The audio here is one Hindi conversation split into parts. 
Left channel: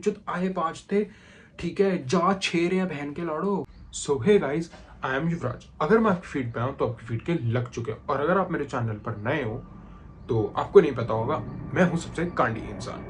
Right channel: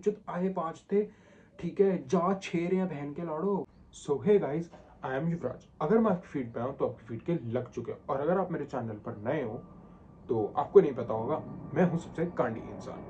बहनचोद आए 5 थे, ठीक है, जा 6 रहे हैं बहन के लाड़ो। सो हे गाइस, आई एम युवराज। अगर मैं आपकी फीड पे आऊँ तो आपकी फीड के लग चुके हैं, और अगर आप मेरे चैनल पर नए हो तो आपको नहीं पता होगा, मैं हूँ सबसे कांडी इंसान।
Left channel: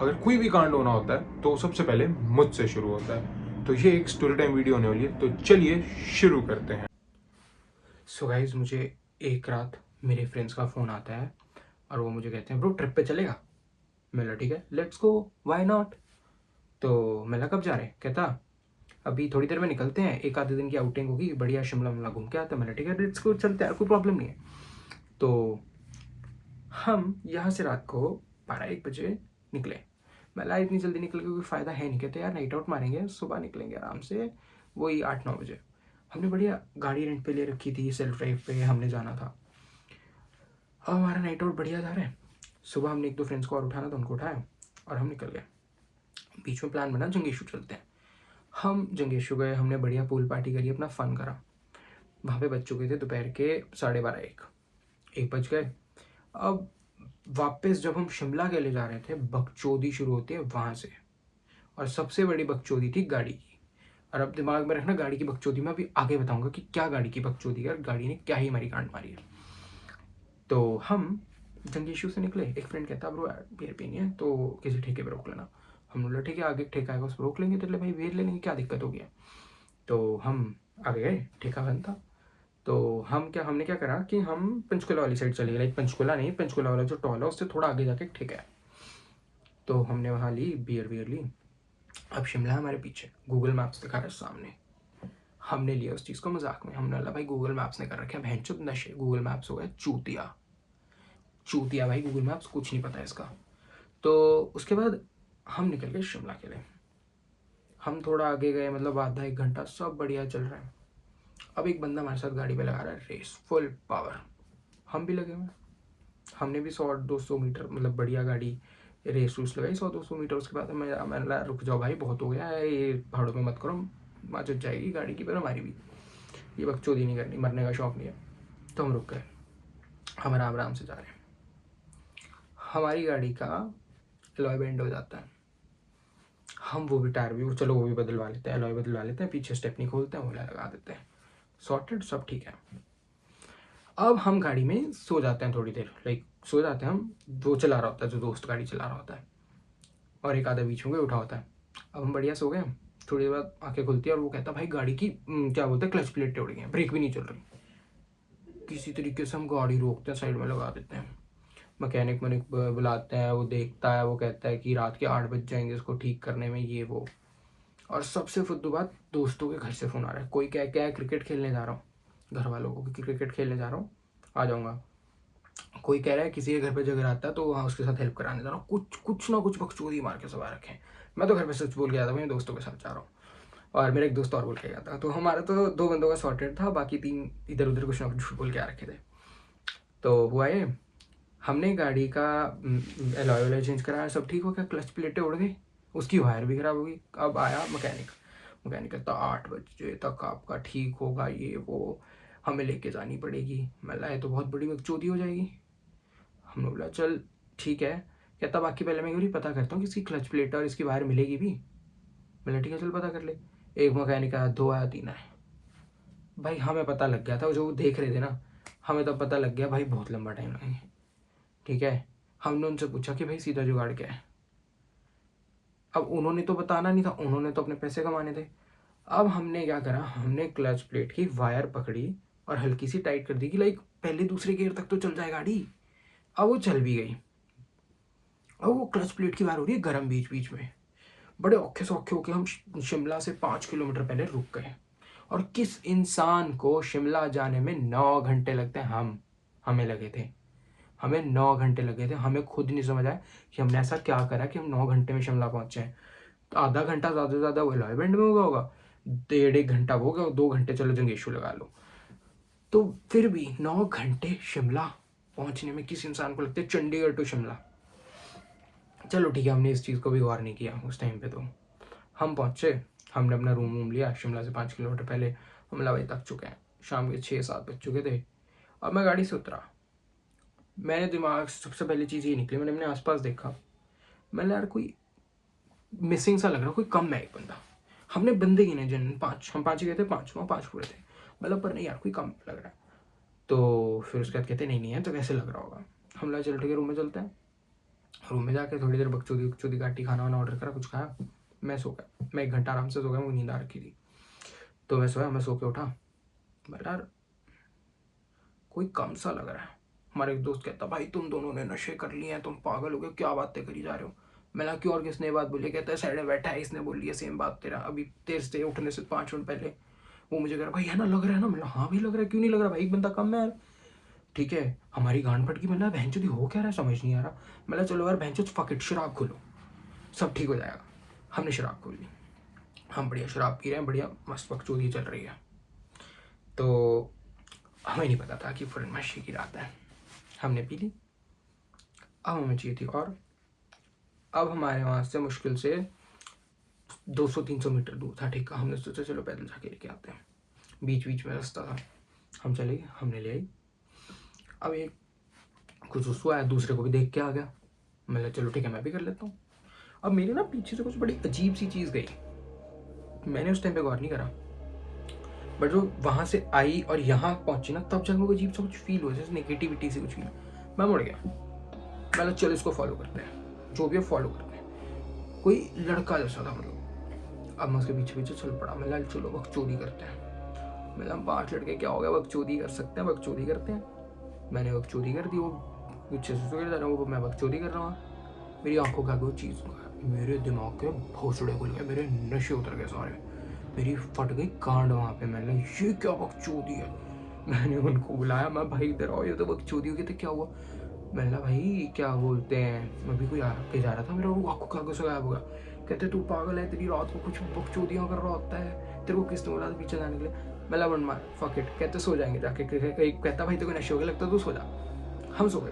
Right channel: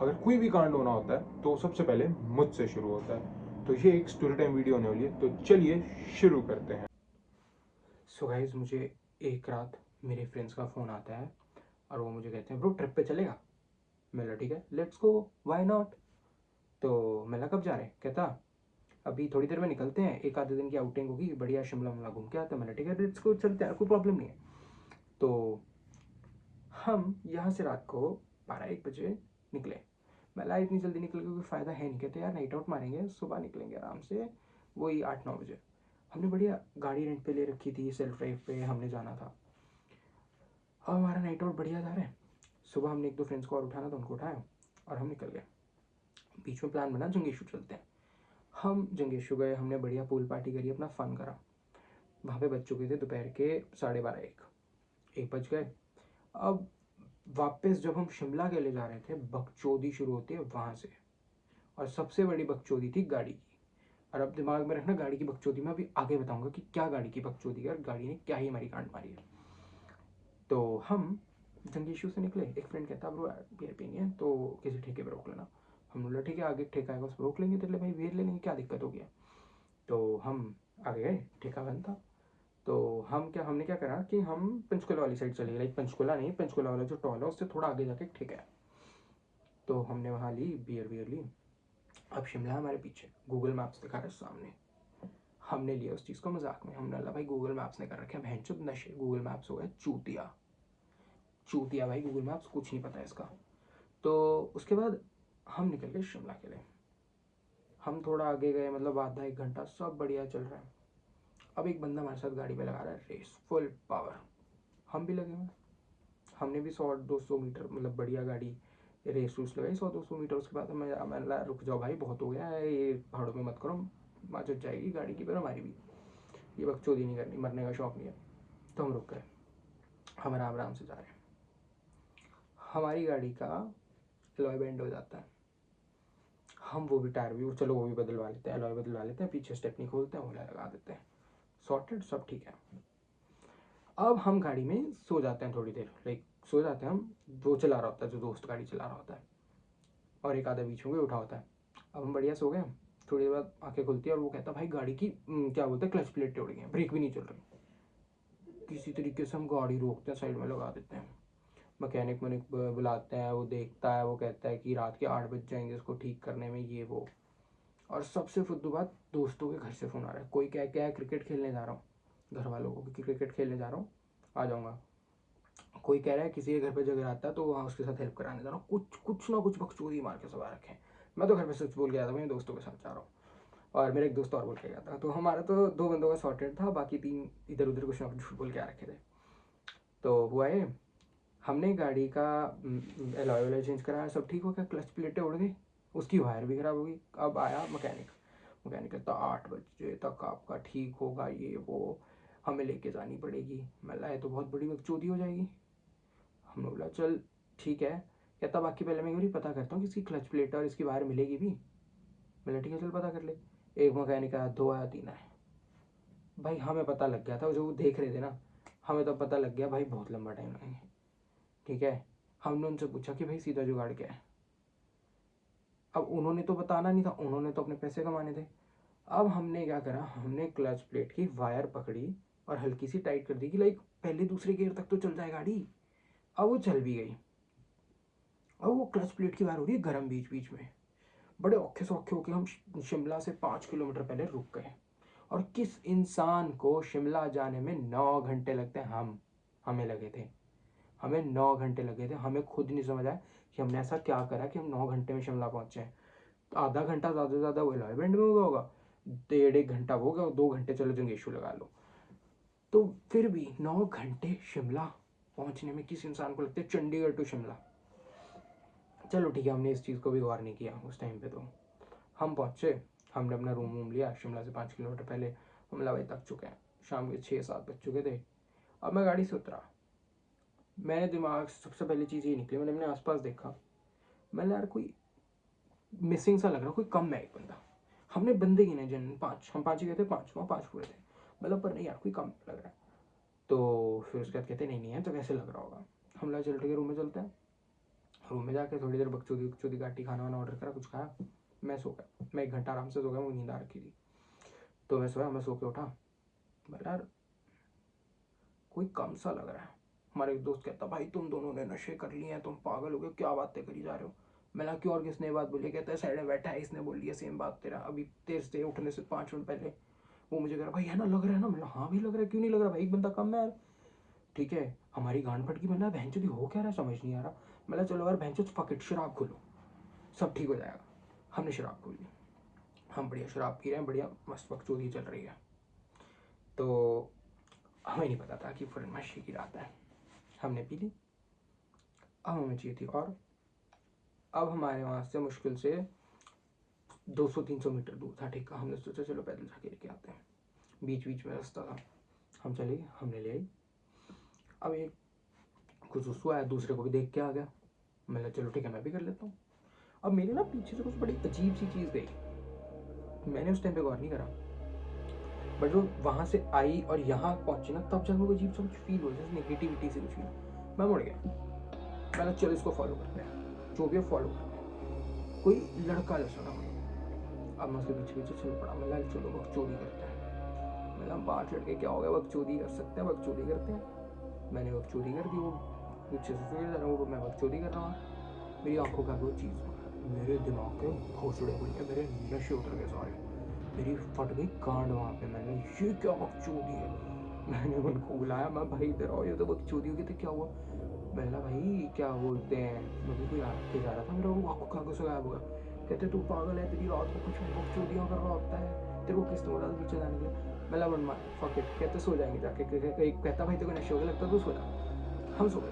अगर कोई भी कांड होना होता है तो सबसे पहले मुझसे शुरू होता है। तो ये एक स्टोरी टाइम वीडियो होने वाली है, तो चलिए शुरू करते हैं। सो गाइस, मुझे एक रात मेरे फ्रेंड्स का फ़ोन आता है और वो मुझे कहते हैं ब्रो ट्रिप पे चलेगा। मैं ठीक है, लेट्स गो, व्हाई नॉट। तो मैं कब जा रहे हैं, कहता अभी थोड़ी देर में निकलते हैं, एक आधे दिन की आउटिंग होगी, बढ़िया शिमला विमला घूम के आते हैं। मैंने ठीक है, लेट्स गो, चलते हैं, कोई प्रॉब्लम नहीं है। तो हम यहाँ से रात को 12-1 बजे निकले। मैं इतनी जल्दी निकल के कोई फ़ायदा है नहीं, कहते यार नाइट आउट मारेंगे, सुबह निकलेंगे आराम से, वही 8-9 बजे। हमने बढ़िया गाड़ी रेंट पे ले रखी थी, सेल्फ ड्राइव पे हमने जाना था। अब हमारा नाइट आउट बढ़िया जा रहा है। सुबह हमने 1-2 फ्रेंड्स को और उठाना था, उनको उठाया और हम निकल गए। बीच में प्लान बना जंगेशु चलते हैं। हम जंगेशु गए, हमने बढ़िया पूल पार्टी करी, अपना फ़न करा। वहाँ पे बज चुके थे दोपहर के 12:30-1 बज गए। अब वापस जब हम शिमला के लिए जा रहे थे, बकचोदी शुरू होती है वहाँ से, और सबसे बड़ी बकचोदी थी गाड़ी की। और अब दिमाग में रखना, गाड़ी की बकचोदी में अभी आगे बताऊंगा कि क्या गाड़ी की बकचोदी है और गाड़ी ने क्या ही हमारी कांड मारी है। तो हम जंगीशू से निकले। एक फ्रेंड कहता ब्रो बियर पीनी है तो किसी ठेके पे रोक लेना। हम बोले ठीक है, आगे ठेका आएगा उस पर रोक लेंगे, तो भाई बियर ले लेंगे, क्या दिक्कत हो गया। तो हम आगे गए, ठेका बंद था। तो हमने क्या करा कि हम पंचकुला वाली साइड चले गए, लाइक पंचकुला नहीं, पंचकुला वाला जो टॉल है उससे थोड़ा आगे जाके ठेका है। तो हमने वहाँ ली बियर ली। अब शिमला हमारे पीछे, गूगल मैप्स दिखा रहा है सामने। हमने लिया उस चीज़ को मजाक में, हमने बोला भाई गूगल मैप्स ने कर रखे हैं भैंचोद नशे, गूगल मैप्स हो गया चूतिया। चूतिया भाई, गूगल मैप्स कुछ नहीं पता है इसका। तो उसके बाद हम निकल गए शिमला के लिए। हम थोड़ा आगे गए, मतलब आधा 1 घंटा सब बढ़िया चल रहा है। अब एक बंदा हमारे साथ गाड़ी पे लगा रहा है रेस, फुल पावर। हम भी लगे हुए, हमने भी 100-200 मीटर, मतलब बढ़िया गाड़ी रेस रूस लगाई 100-200 मीटर। उसके बाद मैंने रुक जाओ भाई, बहुत हो गया है, ये पहाड़ों में मत करो, माचत जाएगी गाड़ी की, पर हमारी भी ये बकचोदी नहीं करनी, मरने का शौक नहीं है। तो हम रुक गए, हम आराम आराम से जा रहे हैं। हमारी गाड़ी का अलॉय बेंड हो जाता है। हम वो भी टायर भी, चलो वो भी बदलवा लेते हैं, अलॉय बदलवा लेते हैं, पीछे स्टेपनी खोलते हैं, वो लगा देते हैं, सॉर्टेड, सब ठीक है। अब हम गाड़ी में सो जाते हैं थोड़ी देर, लाइक सो जाते हैं हम। वो चला रहा होता है, जो दोस्त गाड़ी चला रहा होता है, और एक आधा बीच में उठा होता है। अब हम बढ़िया सो गए। थोड़ी देर बाद आंखें खुलती है और वो कहता भाई गाड़ी की क्या बोलते हैं, क्लच प्लेट टूट गई है, ब्रेक भी नहीं चल रही। किसी तरीके से हम गाड़ी रोकते हैं, साइड में लगा देते हैं। मैकेनिक बुलाते हैं, वो देखता है, वो कहता है कि रात के 8 बज जाएंगे इसको ठीक करने में, ये वो। और सबसे फुद्दू बात, दोस्तों के घर से फ़ोन आ रहा है, कोई क्या क्या है क्रिकेट खेलने जा रहा हूँ, घर वालों को कि क्रिकेट खेलने जा रहा हूँ, आ जाऊँगा। कोई कह रहा है किसी के घर पे झगड़ा आता है तो वहाँ उसके साथ हेल्प कराने जा रहा हूँ। कुछ कुछ ना कुछ बकचोदी मार के सब आ रखे हैं। मैं तो घर पे सच बोल के जाता हूँ, दोस्तों के साथ जा रहा हूँ, और मेरा एक दोस्त और बोल के गया था। तो हमारा तो 2 बंदों का सॉर्टेड था, बाकी 3 इधर उधर कुछ ना कुछ बोल के आ रखे थे। तो हुआ ये, हमने गाड़ी का अलॉय वॉय चेंज कराया, सब ठीक हो गया, क्लच प्लेटें उड़ गई, उसकी वायर भी खराब हो गई। अब आया मैकेनिक कहता 8 बजे तक आपका ठीक होगा, ये वो, हमें लेके जानी पड़ेगी। मैं लाए तो बहुत बड़ी बकचोदी हो जाएगी। हमने बोला चल ठीक है। कहता बाकी पहले मैं क्यों पता करता हूँ कि इसकी क्लच प्लेट और इसकी वायर मिलेगी भी। मैंने ठीक है चल पता कर ले। एक मैकेनिक आया, 2 आया, 3 आया। भाई हमें पता लग गया था, जो देख रहे थे ना, हमें तब पता लग गया भाई बहुत लंबा टाइम लगेगा। ठीक है, हमने उनसे पूछा कि भाई सीधा जुगाड़ क्या है। अब उन्होंने तो बताना नहीं था, उन्होंने तो अपने पैसे कमाने थे। अब हमने क्या करा, हमने क्लच प्लेट की वायर पकड़ी और हल्की सी टाइट कर दी कि लाइक पहले दूसरे गियर तक तो चल जाए गाड़ी। अब वो चल भी गई। अब वो क्लच प्लेट की वायर हो रही है गर्म बीच बीच में। बड़े औखे सौखे होके हम शिमला से 5 किलोमीटर पहले रुक गए। और किस इंसान को शिमला जाने में 9 घंटे लगते हैं, हमें लगे थे। हमें 9 घंटे लगे थे, हमें खुद नहीं समझ आया कि हमने ऐसा क्या करा कि हम 9 घंटे में शिमला पहुंचे हैं। तो आधा घंटा ज़्यादा से ज़्यादा वो लॉयबेंड में होगा, 1.5 घंटा वो हो गया, 2 घंटे चलो जंगेशु लगा लो। तो फिर भी 9 घंटे शिमला पहुंचने में किस इंसान को लगते हैं, चंडीगढ़ टू शिमला। चलो ठीक है, हमने इस चीज़ को भी गौर नहीं किया उस टाइम पे। तो हम पहुंचे, हमने अपना रूम वूम लिया, शिमला से 5 किलोमीटर पहले। हम भाई थक चुके हैं, शाम के 6-7 बज चुके थे। अब मैं गाड़ी से उतरा, मैंने दिमाग से सबसे पहली चीज़ ये निकली, मैंने अपने आसपास देखा। मैंने यार कोई मिसिंग सा लग रहा, कोई कम है एक बंदा। हमने बंदे गिने जिन पाँच, हम पाँच ही गए थे, पाँच वहाँ पाँच पूरे थे, मतलब पर नहीं यार कोई कम लग रहा है। तो फिर उसके बाद कहते नहीं नहीं है तो कैसे लग रहा होगा। हम लोग चल ठीक है रूम में चलते हैं। रूम में जाके थोड़ी देर बकचोदी बकचोदी काटी, खाना वाना ऑर्डर करा, कुछ खाया, मैं सो गया। मैं 1 घंटा आराम से सो गया, मुझे नींद आ रखी थी। तो मैं सोया, मैं सो के उठा, यार कोई कम सा लग रहा है। हमारे एक दोस्त कहता भाई तुम दोनों ने नशे कर लिए हैं, तुम पागल हो गए, क्या बातें करी जा रहे हो। मैंने क्यों, और किसने बात बोली। कहता है साइड में बैठा है, इसने बोली है सेम बात तेरा अभी तेरे से उठने से 5 मिनट पहले। वो मुझे कह रहा भाई है ना, लग रहा है ना। मतलब हाँ भाई लग रहा है, क्यों नहीं लग रहा भाई, एक बंदा कम है यार। ठीक है, हमारी गांड फट गई। मतलब भैंचोदी हो क्या रहा है समझ नहीं आ रहा। मतलब चलो यार भैंचो फक इट, शराब खोलो सब ठीक हो जाएगा। हमने शराब खोल ली, हम बढ़िया शराब पी रहे हैं, बढ़िया मस्त बकचोदी चल रही है। तो हमें नहीं पता था कि पूर्णमासी की रात है। हमने पी ली, अब हमें चाहिए थी और। अब हमारे वहाँ से मुश्किल से 200-300 मीटर दूर था। ठीक है, हमने सोचा चलो पैदल जाके लेके आते हैं, बीच बीच में रास्ता था। हम चले गए, हमने ले आई। अब एक कुछ उसको आया, दूसरे को भी देख के आ गया। मैं चलो ठीक है मैं भी कर लेता हूँ। अब मेरे ना पीछे से कुछ बड़ी अजीब सी चीज़ गई, मैंने उस टाइम पे गौर नहीं करा, बट जो वहाँ से आई और यहाँ पहुँची ना, तब जब मुझे अजीब सा कुछ फील हुआ, जैसे नेगेटिविटी से कुछ फील। मैं मुड़ गया, पहले चलो इसको फॉलो करते हैं, जो भी है फॉलो करते हैं। कोई लड़का जैसा था मतलब। अब मैं उसके पीछे पीछे चल पड़ा, मैं चलो बकचोदी करते हैं। मतलब हम 5 लड़के क्या हो गया, बकचोदी कर सकते हैं, बकचोदी करते हैं। मैंने बकचोदी कर दी, वो पीछे से जा रहा हूँ, मैं बकचोदी कर रहा हूँ। मेरी आंखों का कोई चीज़, मेरे दिमाग के भोसड़े खुल गए, मेरे नशे उतर गए सारे, मेरी फट गई कांड वहाँ पे। मैंने ये क्या बकचोदी है। मैंने उनको बुलाया, मैं भाई इधर आओ, ये तो बकचोदी हो गई। तो क्या हुआ, मैंने भाई क्या बोलते हैं, अभी कोई आके जा रहा था, मेरा वो आंखों का से गायब हुआ। कहते तू पागल है, तेरी रात को कुछ बकचोदियाँ कर रहा होता है, तेरे को किसने बोला पीछे जाने के लिए। मैं वन मार फक इट, कहते सो जाएंगे जाके। कहीं कहता भाई तेरे को नशे हो गए लगता तो सो जा। हम सो गए,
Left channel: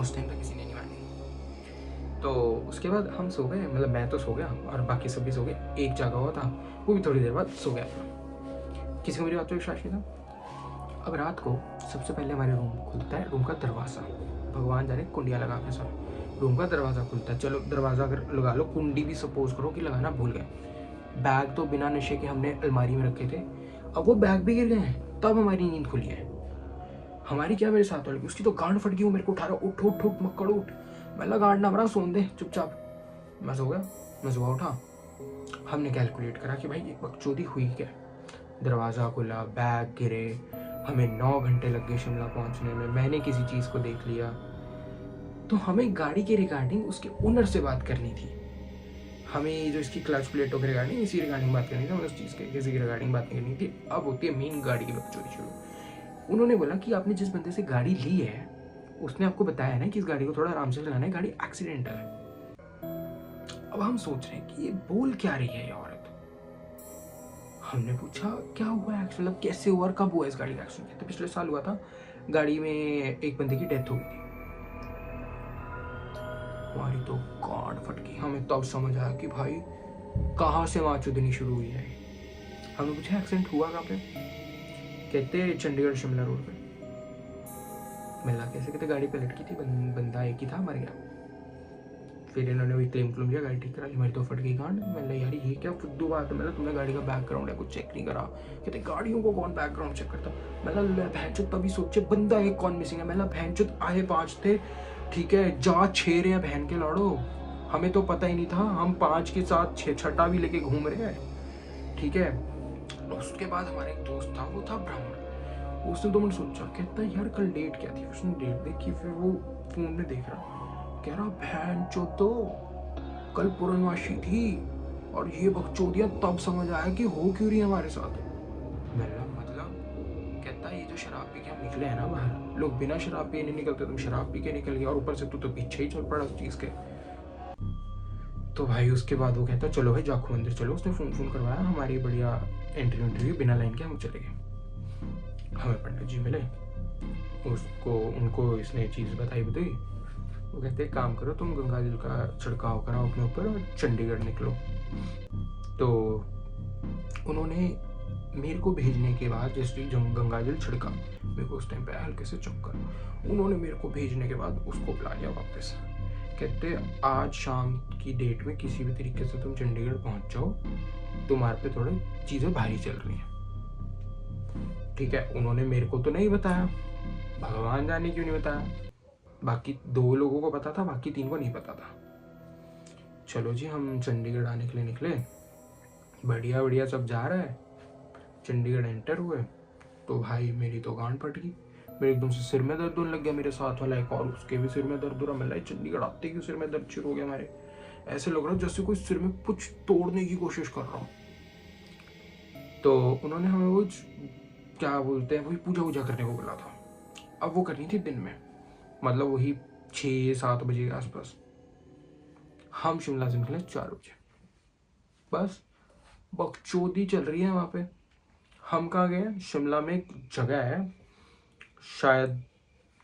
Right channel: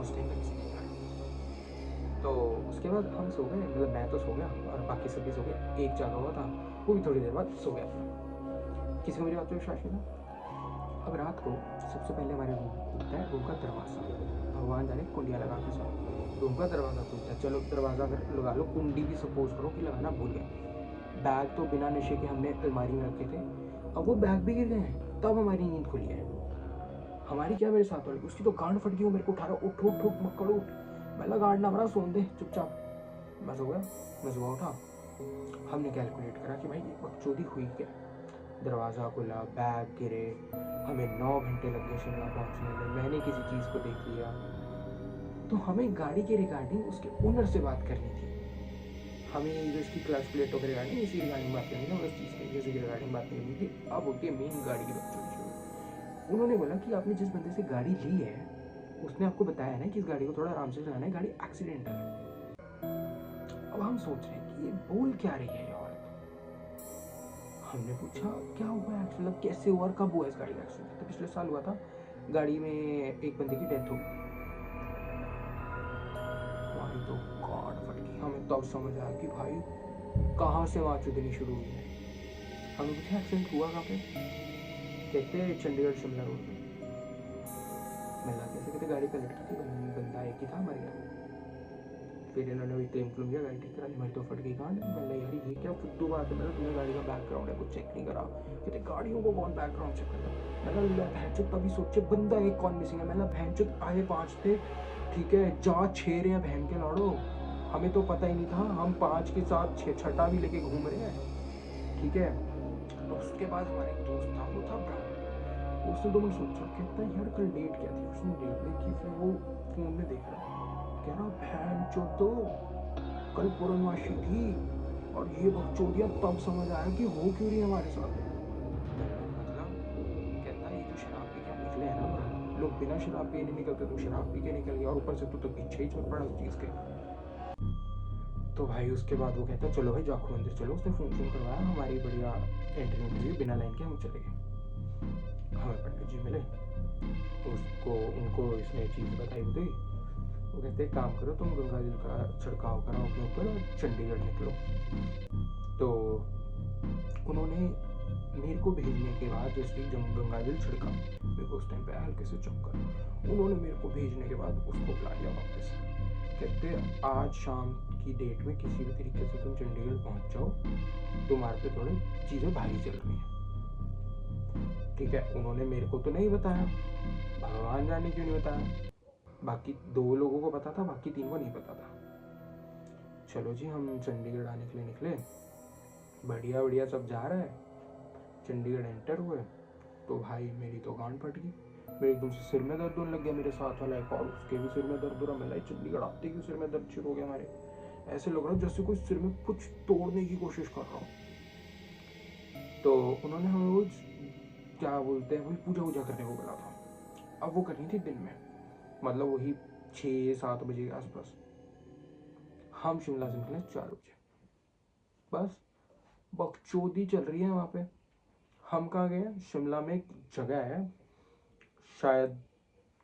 उस टाइम तक किसी ने नहीं मानी। तो उसके बाद हम सो गए, मतलब मैं तो सो गया और बाकी सब भी सो गए। एक जागा हुआ था, वो भी थोड़ी देर बाद सो गया। किसी को मेरी बात पर विश्वास नहीं था। अब रात को सबसे पहले हमारे रूम खुलता है, रूम का दरवाज़ा, भगवान जाने कुंडिया लगा के सब रूम का दरवाज़ा खुलता है। चलो दरवाज़ा अगर लगा लो, कुंडी भी सपोज करो कि लगाना भूल गए। बैग तो बिना नशे के हमने अलमारी में रखे थे, अब वो बैग भी गिर गए हैं, तब हमारी नींद खुली है। हमारी क्या, मेरे साथ वाले की, उसकी तो गांड फट गई। वो मेरे को उठा रहा, उठ उठ उठ मक्कड़ उठ। मैं गांड ना मरा, सोन दे चुपचाप। मैं सो गया, मैं सुबह उठा, हमने कैलकुलेट करा कि भाई ये बकचोदी हुई क्या। दरवाज़ा खुला, बैग गिरे, हमें 9 घंटे लग गए शिमला पहुंचने में। मैंने किसी चीज़ को देख लिया। तो हमें गाड़ी के रिगार्डिंग उसके ओनर से बात करनी थी। हमें जो इसकी क्लच प्लेटों के रिगार्डिंग, इसी रिगार्डिंग बात करनी थी, हमें उस चीज़ के किसी की रिगार्डिंग बात करनी थी। अब होती है मेन गाड़ी की बकचोदी शुरू। उन्होंने बोला कि आपने जिस बंदे से गाड़ी ली है, उसने आपको बताया ना कि इस गाड़ी को थोड़ा आराम से चलाना है, गाड़ी एक्सीडेंटल है। अब हम सोच रहे हैं कि ये बोल क्या रही है ये औरत। हमने पूछा क्या हुआ एक्चुअली, कैसे हुआ और कब हुआ इस गाड़ी का एक्सीडेंट। तो पिछले साल हुआ था, गाड़ी में एक बंदे की डेथ हो गई थी। हमारी तो गांड फट गई, हमें तब समझ आया कि भाई कहाँ से माचुदनी शुरू हुई है। हमने पूछा एक्सीडेंट हुआ कहाँ पे, कहते चंडीगढ़ शिमला रोड में। मिला कैसे, कहते गाड़ी पलट की थी, बंदा एक ही था, मर गया। फिर इन्होंने वही क्लेम किया, गाड़ी ठीक करा ली। मेरी तो फट गई गांड। मैंने यार ये क्या फुद्दू बात है, मतलब तुमने गाड़ी का बैकग्राउंड है कुछ चेक नहीं करा। कहते गाड़ियों को कौन बैकग्राउंड चेक करता। मतलब मैं भैंचोद तभी सोचे बंदा एक कौन मिसिंग है। मतलब भैंचोद आए 5 थे, ठीक है, जा 6 रहे हैं बहन के लाड़ो। हमें तो पता ही नहीं था, हम 5 के साथ 6 भी लेके घूम रहे हैं, ठीक है। उसके बाद हमारे एक दोस्त था, वो था ब्राह्मण। उसने तो मैंने सोचा, कहता यार कल डेट क्या थी। उसने डेट देखी, फिर वो फोन में देख रहा, कह रहा बहन चो तो कल पूर्णमासी थी और ये बकचोदियाँ। तब समझ आया कि हो क्यों रही है हमारे साथ। मतलब कहता ये जो शराब पी के हम निकले हैं ना बाहर, लोग बिना शराब पिए नहीं निकलते, तुम शराब पी के निकल गया और ऊपर से तू तो पीछे ही चल पड़ा उस चीज़ के। तो भाई उसके बाद वो कहता चलो भाई जाखू मंदिर चलो। उसने फ़ोन करवाया, हमारी बढ़िया इंटरव्यू बिना लाइन के हम चले गए। हमें पंडित जी मिले, उसको उनको इसने चीज़ बताई। वो कहते काम करो, तुम गंगा जल का छिड़काव कराओ अपने ऊपर, चंडीगढ़ निकलो। तो उन्होंने मेरे को भेजने के बाद, जैसे जो गंगा जल छिड़का, मेरे को उस टाइम पे हल्के से चक्कर, उन्होंने मेरे को भेजने के बाद उसको बुला लिया वापस। कहते आज शाम की डेट में किसी भी तरीके से तुम चंडीगढ़ पहुंच जाओ, तुम्हारे पे थोड़ी चीज़ें भारी चल रही हैं। ठीक है, उन्होंने मेरे को तो नहीं बताया, भगवान जाने क्यों नहीं बताया। बाकी 2 लोगों को पता था, बाकी 3 को नहीं पता था। चलो जी, हम चंडीगढ़ आने के लिए निकले, बढ़िया बढ़िया सब जा रहा है। चंडीगढ़ एंटर हुए तो भाई मेरी तो गांड फट गई। मेरे एकदम से सिर में दर्द होने लग गया। मेरे साथ वाला एक और, उसके भी सिर में दर्द हो रहा। मैं चंडीगढ़ आते ही सिर में दर्द शुरू हो गया हमारे। ऐसे लग रहा जैसे कोई सिर में कुछ तोड़ने की कोशिश कर रहा हूँ। तो उन्होंने हमें वो क्या बोलते हैं, वही पूजा वूजा करने को बोला था। अब वो करनी थी दिन में, मतलब वही 6-7 बजे के आसपास। हम शिमला से निकले 4 बजे। बस बकचोदी चल रही है वहाँ पे। हम कहाँ गए, शिमला में एक जगह है, शायद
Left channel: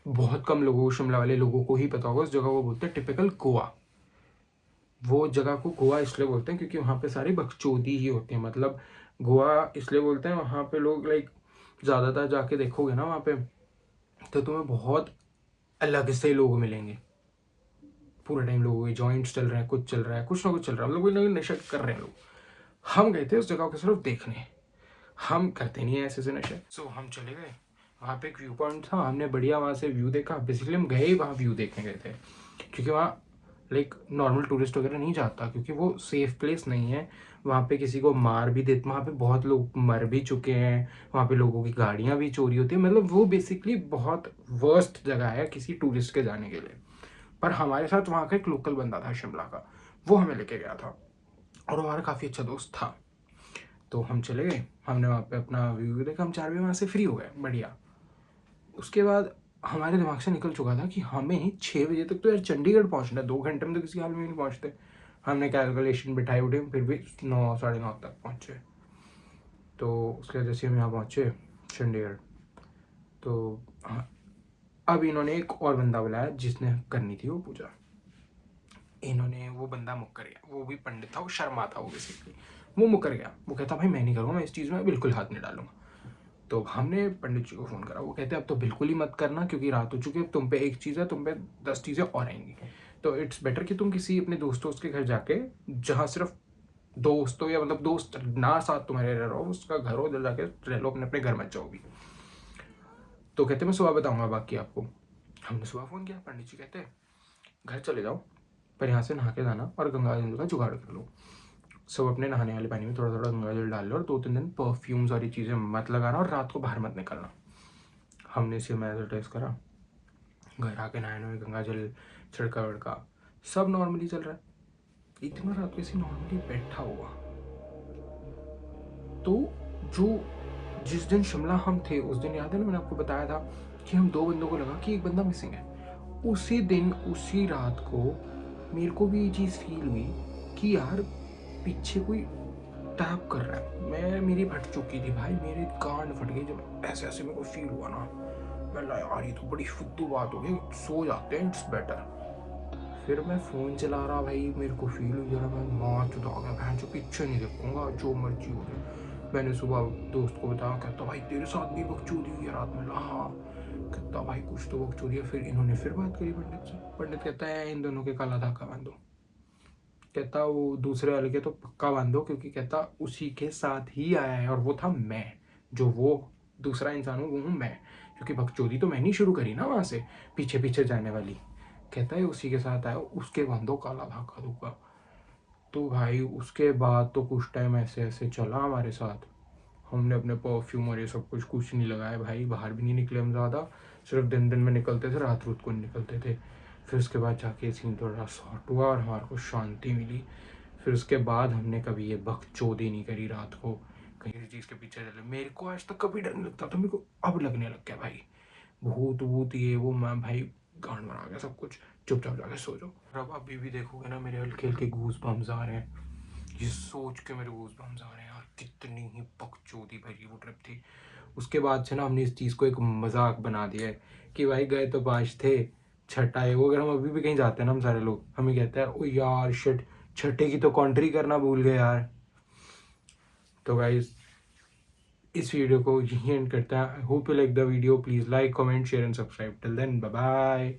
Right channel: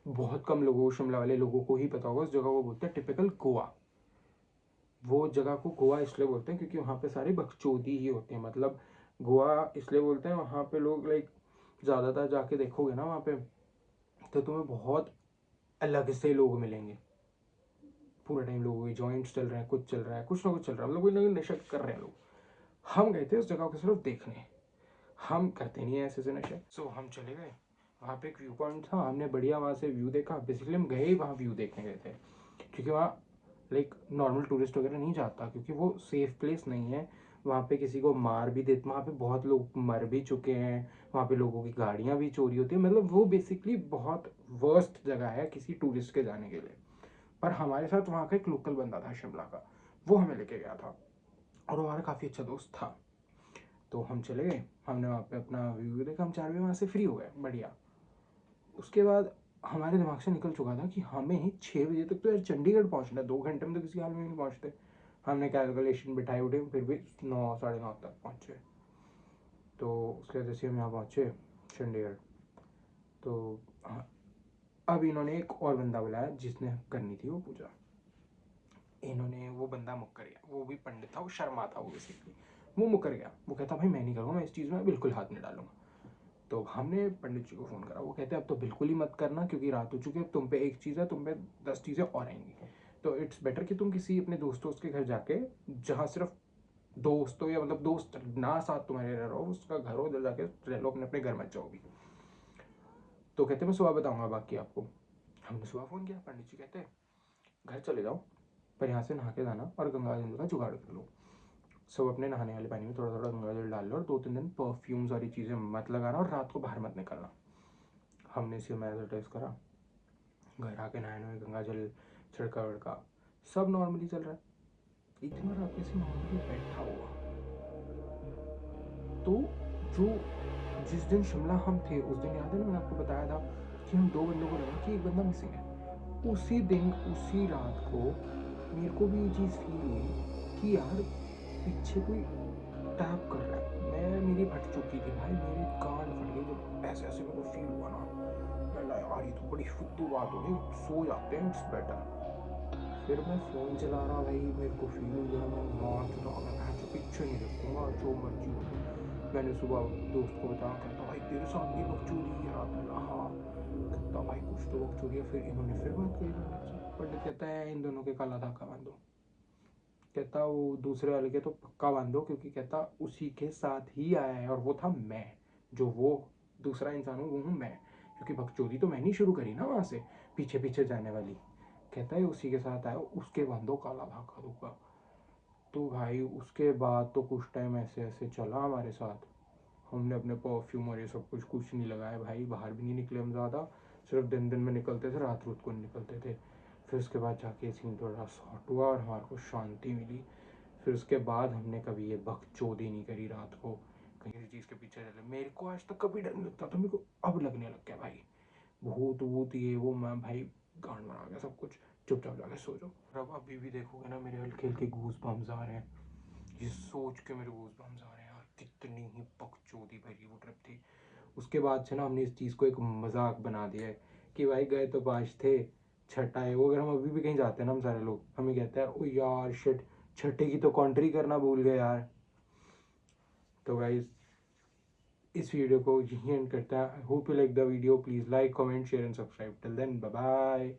बहुत कम लोगों को, शिमला वाले लोगों को ही पता होगा। उस जगह को बोलते हैं टिपिकल गोवा। वो जगह को गोवा इसलिए बोलते हैं क्योंकि वहाँ पे सारी बकचोदी ही होती है। मतलब गोवा इसलिए बोलते हैं, वहाँ पे लोग लाइक ज़्यादातर जाके देखोगे ना वहाँ पे, तो तुम्हें बहुत अलग से लोग मिलेंगे। पूरे टाइम लोगों के जॉइंट्स चल रहे हैं, कुछ चल रहा है, कुछ ना कुछ चल रहा है, मतलब कोई नशा कर रहे हैं लोग। हम गए थे उस जगह को सिर्फ देखने, हम करते नहीं है ऐसे नशे। सो हम चले गए वहाँ पे। एक व्यू पॉइंट था, हमने बढ़िया वहाँ से व्यू देखा। बेसिकली हम गए ही वहाँ व्यू देखने गए थे, क्योंकि वहाँ लाइक नॉर्मल टूरिस्ट वगैरह नहीं जाता, क्योंकि वो सेफ प्लेस नहीं है। वहाँ पे किसी को मार भी देते, वहाँ पे बहुत लोग मर भी चुके हैं, वहाँ पे लोगों की गाड़ियाँ भी चोरी होती है। मतलब वो बेसिकली बहुत वर्स्ट जगह है किसी टूरिस्ट के जाने के लिए। पर हमारे साथ वहाँ का एक लोकल बंदा था शिमला का, वो हमें लेके गया था और हमारा काफ़ी अच्छा दोस्त था। तो हम चले गए, हमने वहाँ पे अपना व्यू देखा। हम 4 बजे वहाँ से फ्री हो गए, बढ़िया। उसके बाद हमारे दिमाग से निकल चुका था कि हमें 6 बजे तक तो यार चंडीगढ़ पहुँचना है, 2 घंटे में तो किसी हाल में नहीं पहुँचते। हमने कैलकुलेशन बिठाई उठे, फिर भी 9-9:30 तक पहुँचे। तो उसके वजह से हम यहाँ पहुँचे चंडीगढ़। तो हाँ, अब इन्होंने एक और बंदा बुलाया जिसने करनी थी वो पूजा। इन्होंने, वो बंदा मुकर गया, वो भी पंडित था, वो शर्मा था वो बेसिकली। वो मुकर गया, वो कहता भाई मैं नहीं करूँगा, मैं इस चीज़ में बिल्कुल हाथ नहीं डालूंगा। तो हमने पंडित जी को फ़ोन करा, वो कहते अब तो बिल्कुल ही मत करना, क्योंकि रात हो चुकी है, तुम पे एक चीज़ है, तुम पे 10 चीज़ें और आएंगी। तो इट्स बेटर कि तुम किसी अपने दोस्तों के घर जाके, जहाँ सिर्फ दोस्तों या मतलब दोस्त ना साथ तुम्हारे रह रहो, उसका घर हो, उधर जाके रह लो, अपने अपने घर मत जाओ भी। तो कहते मैं सुबह बताऊंगा बाकी आपको। हमने सुबह फ़ोन किया, पंडित जी कहते घर चले जाओ, पर यहाँ से नहा के जाना और गंगा जल का जुगाड़ कर लो। सब अपने नहाने वाले पानी में थोड़ा थोड़ा गंगा जल डाल लो, और 2-3 दिन परफ्यूम्स वाली चीज़ें मत लगाना, और रात को बाहर मत निकलना। हमने इसे मैं टेस्ट करा, घर आके नहाने में गंगा जल छिड़का विड़का, सब नॉर्मली चल रहा है। इतना रात किसी नॉर्मली बैठा हुआ। तो जो जिस दिन शिमला हम थे, उस दिन याद है ना मैंने आपको बताया था कि हम 2 बंदों को लगा कि एक बंदा मिसिंग है। उसी दिन उसी रात को मेरे को भी ये चीज़ फील हुई कि यार पीछे कोई टैप कर रहा है। मेरी फट चुकी थी भाई, मेरी कान फट गई जब ऐसे ऐसे मेरे को फील हुआ ना। मैं यार ये तो बड़ी फुद्दू बात हो गई, सो जाते हैं, इट्स बेटर। फिर मैं फ़ोन चला रहा भाई, मेरे को फील हो गया मैं मार चुका गया, मैं जो पीछे नहीं देखूंगा जो मर्जी हो गया। मैंने सुबह दोस्त को बताया, कहता भाई तेरे साथ भी बकचोदी हुई है रात में। हाँ, कहता भाई कुछ तो बकचोदी है। फिर इन्होंने फिर बात करी पंडित से। पंडित कहता है इन दोनों के काला धागा बांधो। कहता वो दूसरे वाले के तो पक्का बांधो, क्योंकि कहता उसी के साथ ही आया है, और वो था मैं, जो वो दूसरा इंसान हूँ वो हूँ मैं, क्योंकि बकचोदी तो मैंने ही शुरू करी ना वहाँ से पीछे पीछे जाने वाली। कहता है उसी के साथ आया, उसके बांधो काला धागा दूंगा। तो भाई उसके बाद तो कुछ टाइम ऐसे ऐसे चला हमारे साथ। हमने अपने परफ्यूम और ये सब कुछ नहीं लगाया भाई, बाहर भी नहीं निकले हम ज़्यादा, सिर्फ दिन दिन में निकलते थे, रात को नहीं निकलते थे। फिर उसके बाद जाके सीन थोड़ा सॉर्ट हुआ और हमारे को शांति मिली। फिर उसके बाद हमने कभी ये बकचोदी नहीं करी रात को कहीं किसी चीज़ के पीछे चले। मेरे को आज तक कभी डर नहीं लगता था, मेरे को अब लगने लग गया भाई। भूत वूत ये वो, मैं भाई गांड बना गया सब कुछ। चुपचाप जाके सो जाओ। अब अभी भी देखोगे ना मेरे हल्के हल्के गूज बम्स आ रहे हैं, ये सोच के मेरे गूज बम्स आ रहे हैं यार, कितनी ही बकचोदी भरी वो ट्रिप थी। उसके बाद से ना हमने इस चीज़ को एक मजाक बना दिया है कि भाई गए तो 5 थे, छठा है वो। अगर हम अभी भी कहीं जाते हैं ना, हम सारे लोग हमें कहते हैं ओ यार शिट, छठे की तो कॉन्ट्री करना भूल गए यार। तो गाइज इस वीडियो को यहीं एंड करते हैं। I hope you like the video, please like comment share and subscribe. Till then bye bye.